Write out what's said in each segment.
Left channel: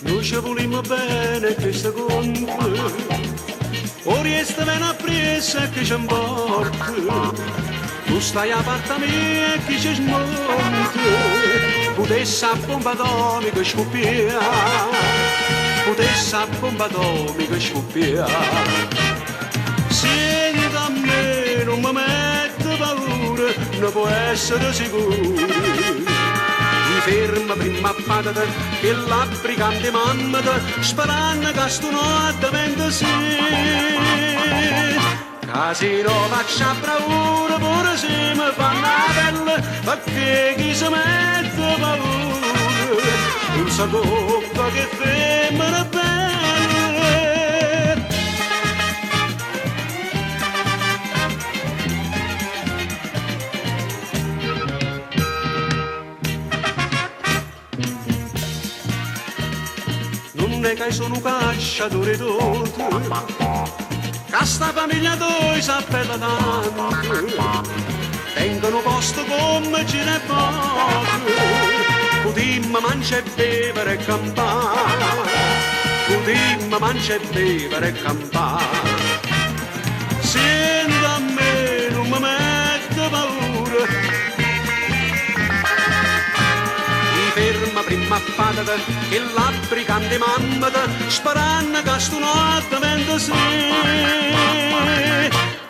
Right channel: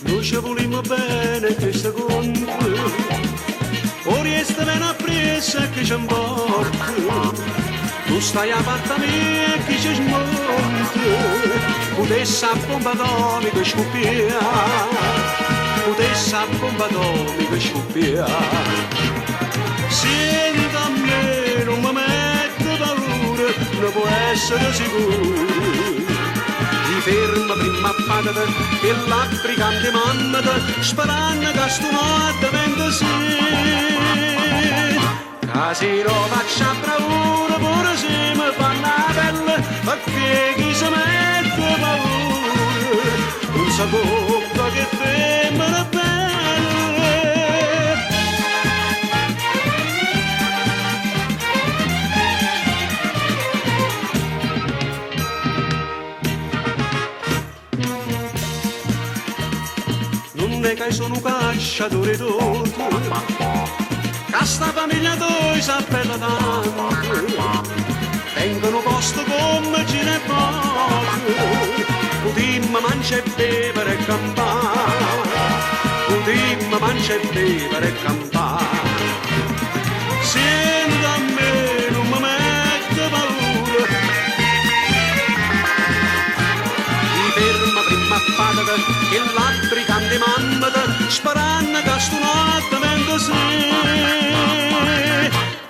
Noi ci volimmo bene che secondo, ora resta bene appresa che ci importa. Tu stai a parte mia e chi ci smonta, potesse a bomba atomica scoppia, potesse a bomba atomica scoppia. Senta a me, non mi mette paura, non può essere sicuro. Mi ferma prima a patata e l'africante mammata, sperando che sto notte venga sì. Casi lo faccio a bravura, pure se mi fanno la pelle, perché chi si mette paura, non sa coppa che femmina bella. Non è che sono un cacciatore d'oro, questa famiglia tua si appella tanto, vengono posto come ce ne poco, potremmo mangiare e bere e campare, potremmo mangiare e bere e campare. Senta a me, non mi mette paura, mi ferma prima a patata e l'africante mammata, sperando che sto notte venga sì.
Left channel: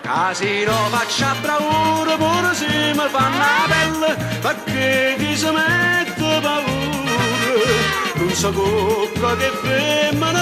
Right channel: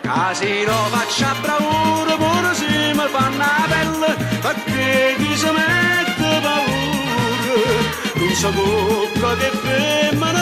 Casi lo faccio a bravura, pure se mi fanno la pelle, perché chi si mette paura, non sa coppa che femmina